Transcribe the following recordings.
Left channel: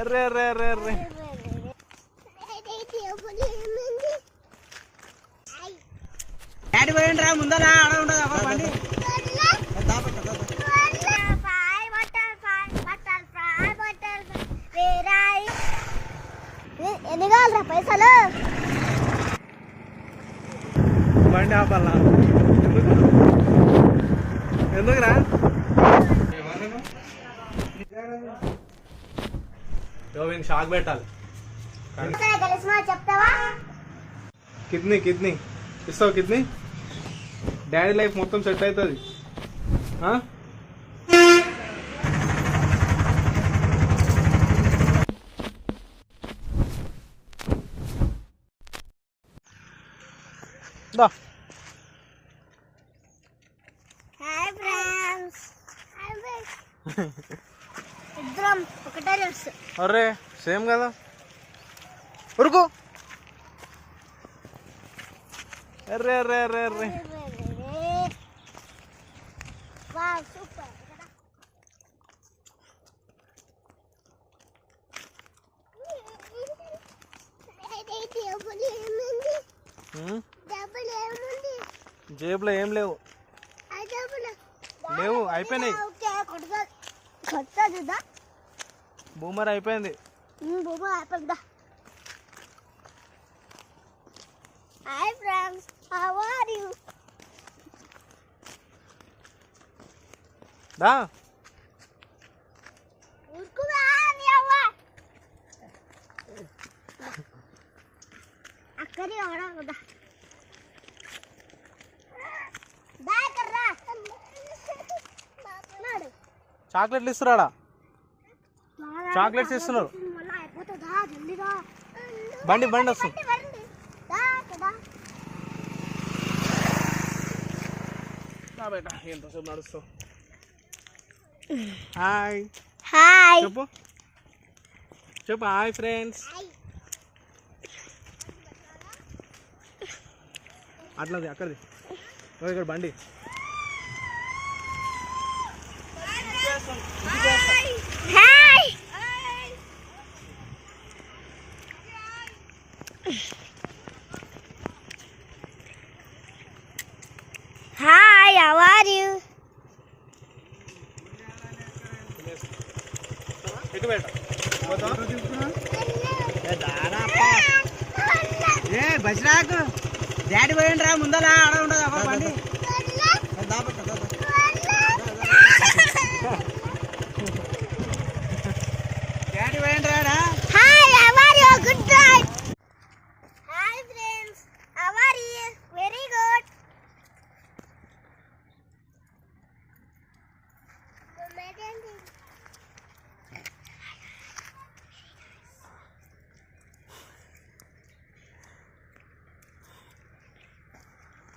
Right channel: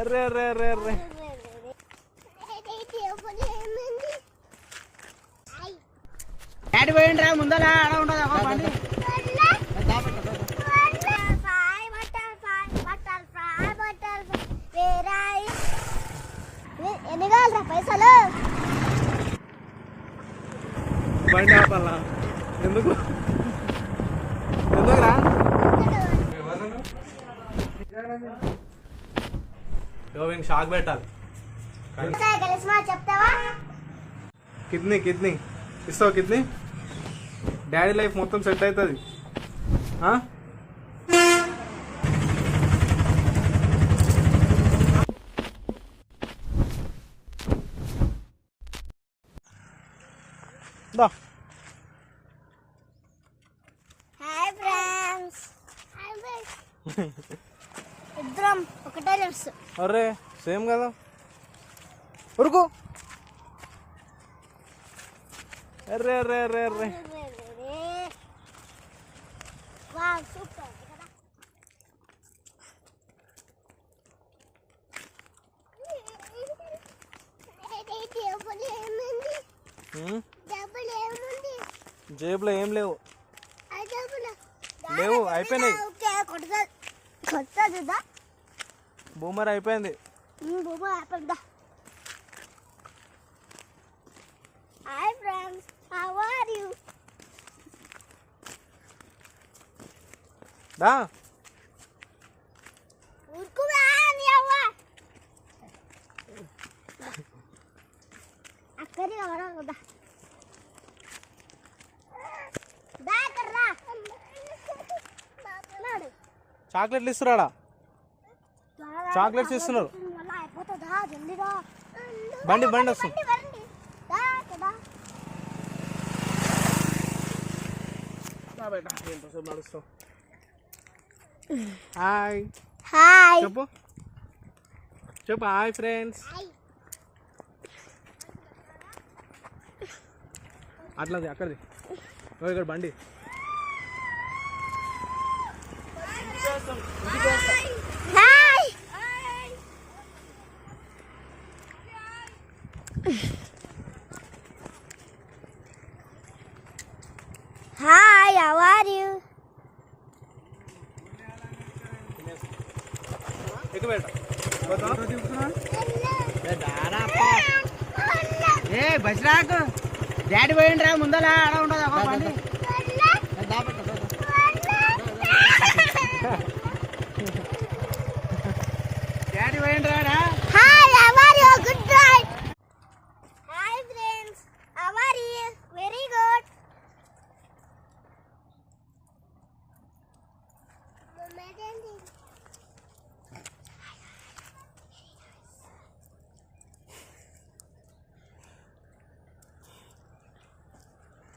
Array అర్రే అర్రే అర్రే డాడీ పోయిండ్రా ముందర ఆడ ఉండదు అవ్వ బండి ఎన్ని కావాలరా పైసలు? బండి ఆపాలా? ఎందుకు ఎందుకురా? షాక్ పెట్టాలి. చెప్తావా? కిడ్నీ ఇస్తావు? కిడ్నీ డాడీ లైఫ్ మొత్తం సెట్ అవుతుంది. ఇద్దరం ఒకటే తెలుసు. అరే సేమ్ కదా. ఉరుకు. అర్రే అర్రే అర్రే అర్రే వావ్ సూపర్. జేబులో ఏం లేవు. లేవు, అయిపోయినాయి. బూమర్ అయిపోయింది. Hi friends, how are you? దా అక్కడి కదా చాక్లెట్లు ఇస్తున్నారా? చాక్లెట్స్ ఇస్తున్నారు. బండి వస్తుంది. ఎంతసేపు నడుస్తావు? హాయ్ హాయ్ చెప్పు చెప్పు. Hi friends. అట్లది అక్కడిది ఇక్కడ బండి. Hi hi, how are you? ఏ బస్ రాకు. డాడీ పోయిండ్రా ముందర ఆడ ఉండదు అవ్వ బండి డాడీ పోయిండ్రా. Hi, how are you? Good night. Hi friends, how are you? Very good.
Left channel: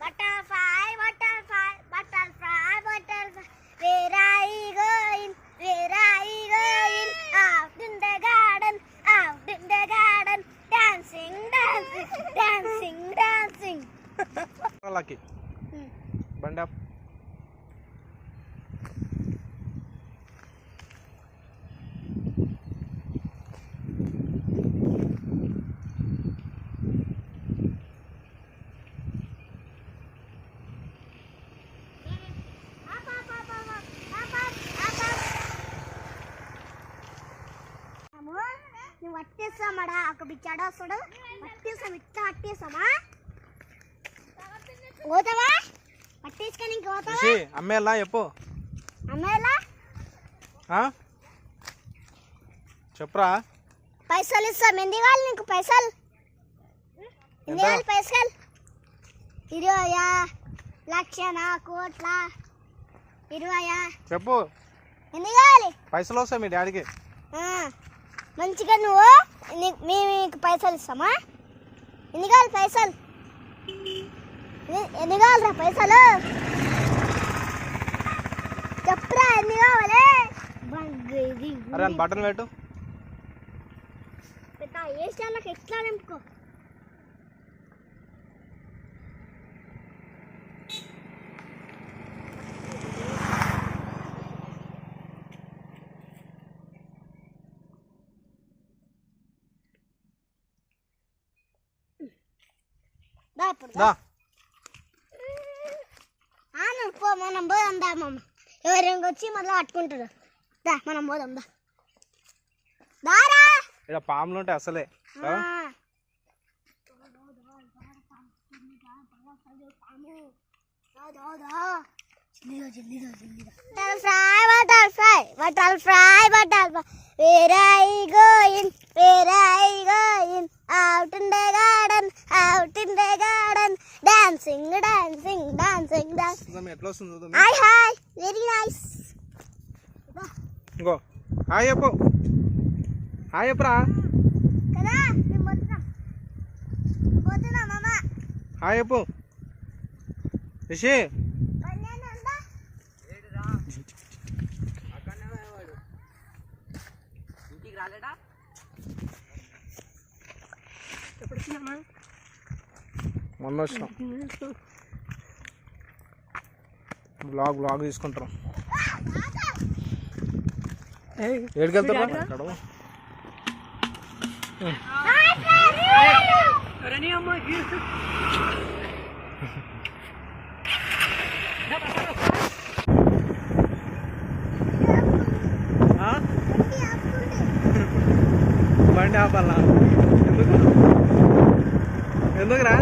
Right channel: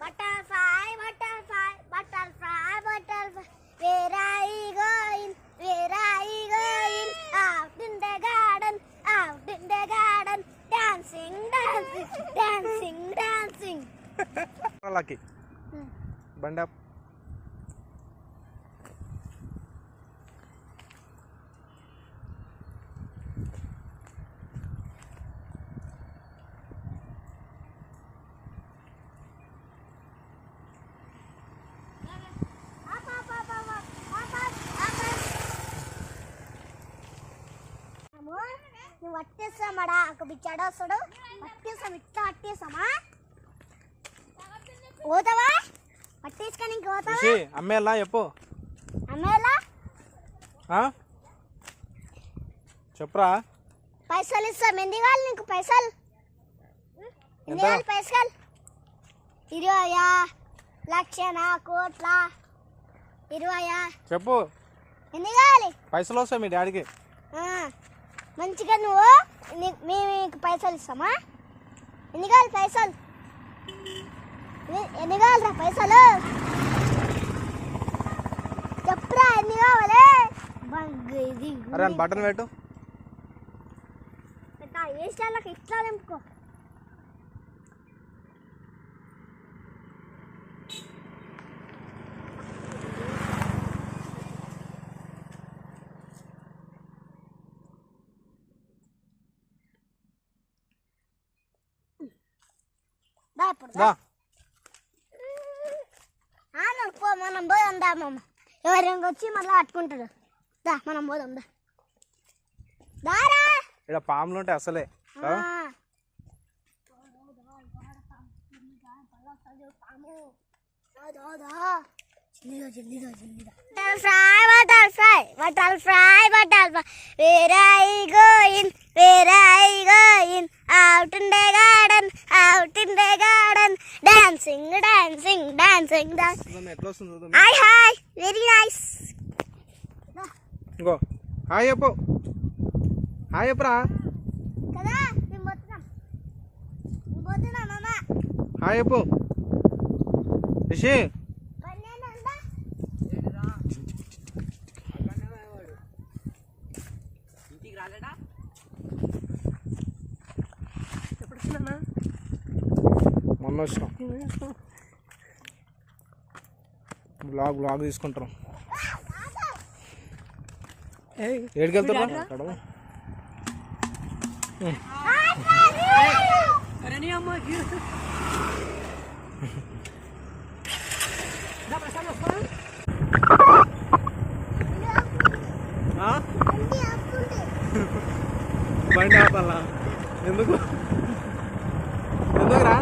Butterfly, butterfly, butterfly, butterfly. Where are you going? Where are you going? Out in the garden, out in the garden. Dancing, dancing, dancing, dancing. Lucky బండి ఆప్. నువ్వు పట్టేస్తామాడా? ఒక బిచ్చాడా వస్తాడు, పట్టేస్తాం. ఇట్లా పట్టేస్తామా? పోతావా? పట్టేసుకొని ఇంక పోతావా? అమ్మేలా చెప్పు. అమ్మేలా చెప్పురా. పైసలు ఇస్తాం. ఎన్ని కావాలి నీకు పైసలు? ఎన్ని కావాలి పైసలు? 20 లక్షనా కోట్ల? 20 చెప్పు. ఎన్ని కావాలి పైసలు? వస్తాయి మీ డాడీకి. మంచిగా నువ్వు మీకు పైసలు ఇస్తామా? ఎన్ని కావాలి పైసలు? ఎన్ని కావాలరా పైసలు? చెప్పురా ఎన్ని కావాలి? అరే బటన్ పెట్టు. ఏ స్టైల్కి ఎట్లా నింపుకో. దా ఇప్పుడు దా పో మనం పోదాం దా మామ ఎవరైనా వచ్చి మళ్ళీ అట్టుకుంటాడు దా మనం పోదాం దా దారా ఇక్కడ పాములు ఉంటాయి అసలే Where are you going? Where are you going? Out in the garden, out in the garden, dancing, dancing, dancing, dancing. ఎట్లా వస్తుంది? Hi, hi, very nice. ఇంకో హాయ్ చెప్పు, హాయ్ చెప్పురా, కదా మేము పోతున్నాం మామ. హాయ్ చెప్పు రిషి. మొన్న వచ్చినాం బ్లాగ్ తీసుకుంటాం. ఏడికి వెళ్తారా? అక్కడ బండి ఆపాలా? ఎందుకురా?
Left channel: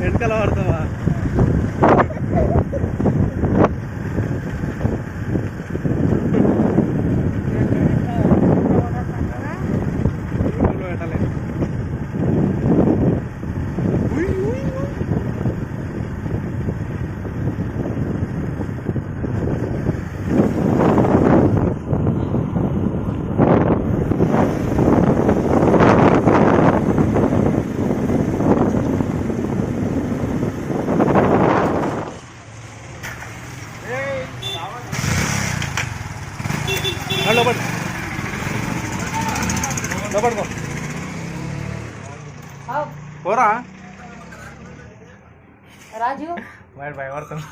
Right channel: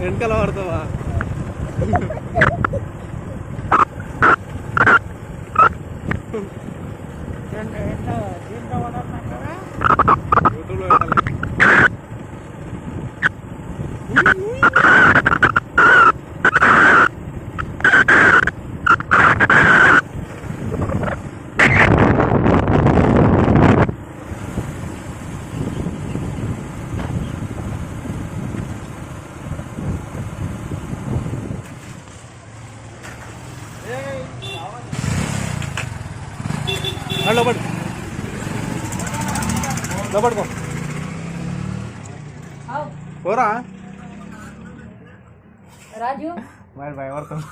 వెనకాల పడతావా? లోపడి లోపడి పోరా राजू వాడు భయపడుతుంది.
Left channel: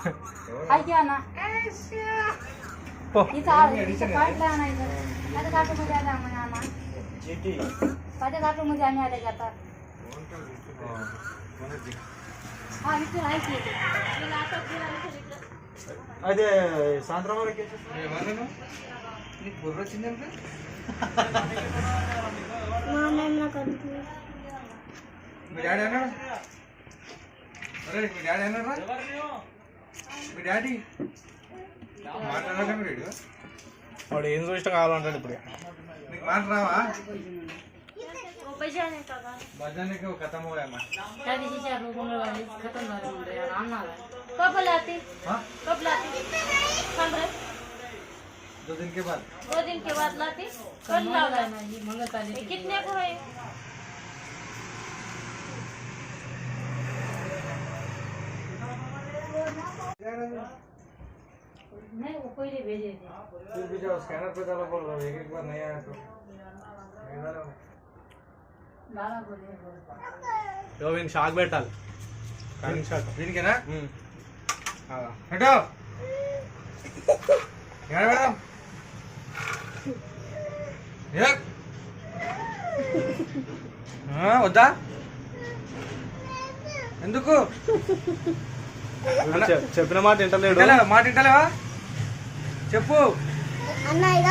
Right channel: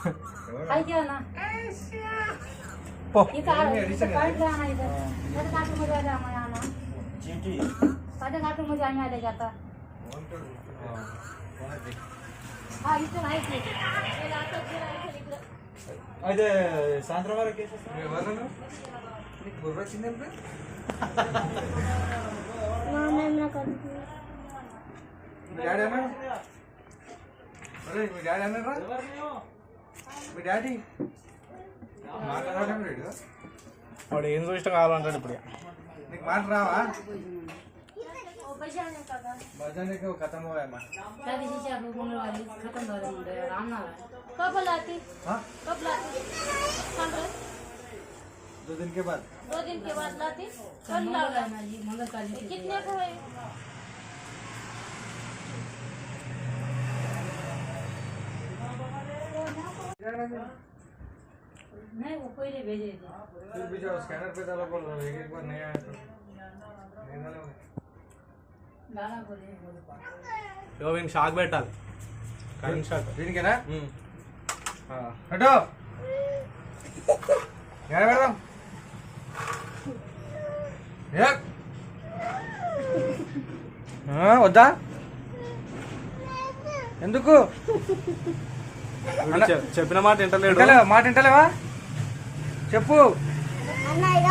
आई क्या ना పో इधर काट लाना इधर कट काट मुझे जाना आना जीटी कट काट मुझे आने आ जाता हां इधर आई थी అదే సాయంత్రం వరకు ఎవరను నీకు బుర్ర వచ్చిందంటే మీ డాడీ అన్నా మీ డాడీ అన్నారా? మీ డాడీ మాట్లాడాలి మీరు వాడు ఏం చూసినా కావాలంటాడు ఇప్పుడు. నీకు మాట రావా? बजाने का खत्म हो गया शादी से 4 लोगों ने वाली खत्म हो गया यार आना कब लाती हां कब लाती 2 दिन के बाद 2 दिन के बाद लाती कल लाना है ये मंगल काली कितने को है नहीं वो कोई ले भेजे थे फिर भी जाओ स्कैनर पे डालो बोल रहा हूं एक बार नहीं आया तो नहीं डालो लाना बोले यो వీనికి షాక్ పెట్టాలి. Current shock. దీనికేనా? హటో యాడ పెడదాం వద్దా? ఎందుకు? చెప్పిన మాట వింటలేడు. మాట వింటలేవా? చెప్పు. అన్నయ్య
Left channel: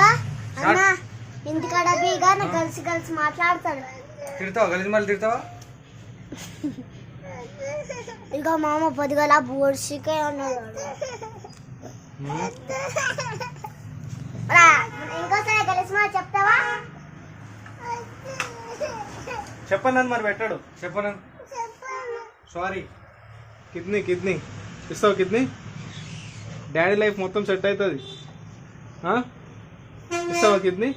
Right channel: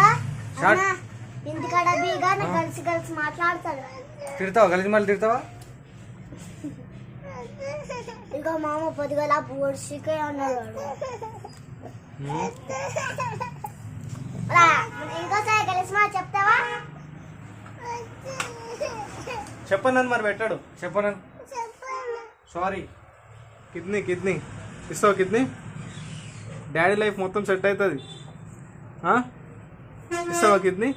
ఇంటికాడ బీగా కలిసి కలిసి మాట్లాడతాడు. తిడతావా? కలిసి మళ్ళీ తిడతావా? ఇక మామ పొద్దుగల బోర్షికే ఉన్నాడు. ఇంకోసారి కలిసి మాట చెప్తావా? చెప్పను మరి పెట్టాడు. చెప్పను. సారీ. కిడ్నీ ఇస్తావు? కిడ్నీ డాడీ లైఫ్ మొత్తం సెట్ అవుతుంది. ఇస్తావా కిడ్నీ?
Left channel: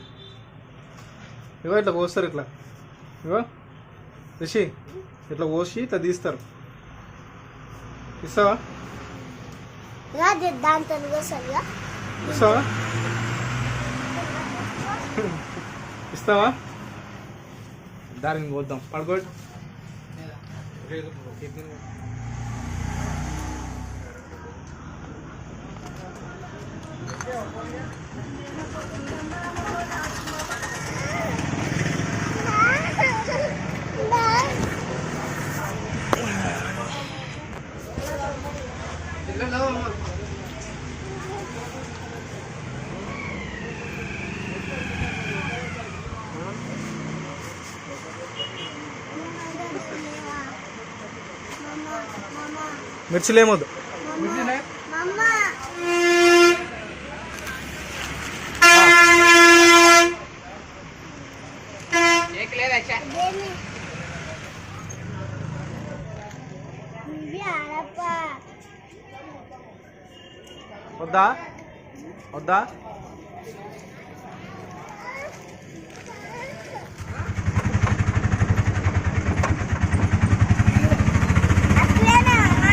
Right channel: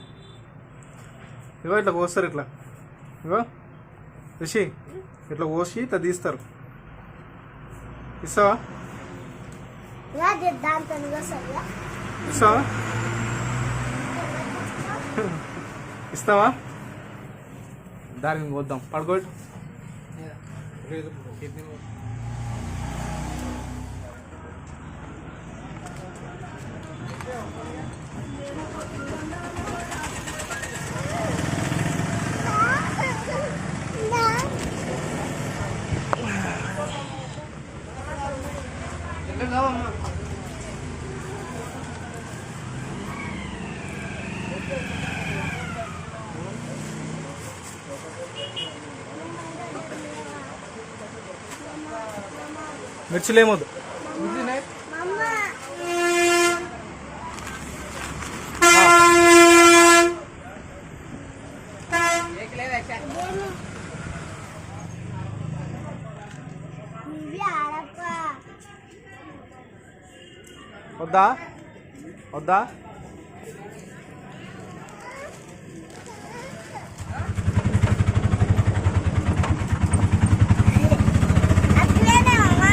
ఇగో ఇట్లా కోస్తారు, ఇట్లా ఇగో రిషి ఇట్లా కోసి ఇట్లా తీస్తారు. ఇస్తావా? ఇస్తావా? ఇస్తావా? దారిని పోద్దాం. పడుకోట్టు. మిర్చిలు ఏమొద్దు. మమ్మ దేని ఇవి ఆడప్ప వద్దా వద్దా అట్లేనా అమ్మ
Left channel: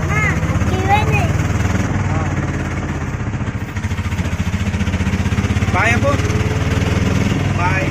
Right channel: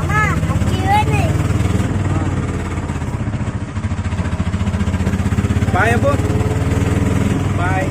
అమ్మ ఇవేనే బాయ్ అప్పు బాయ్.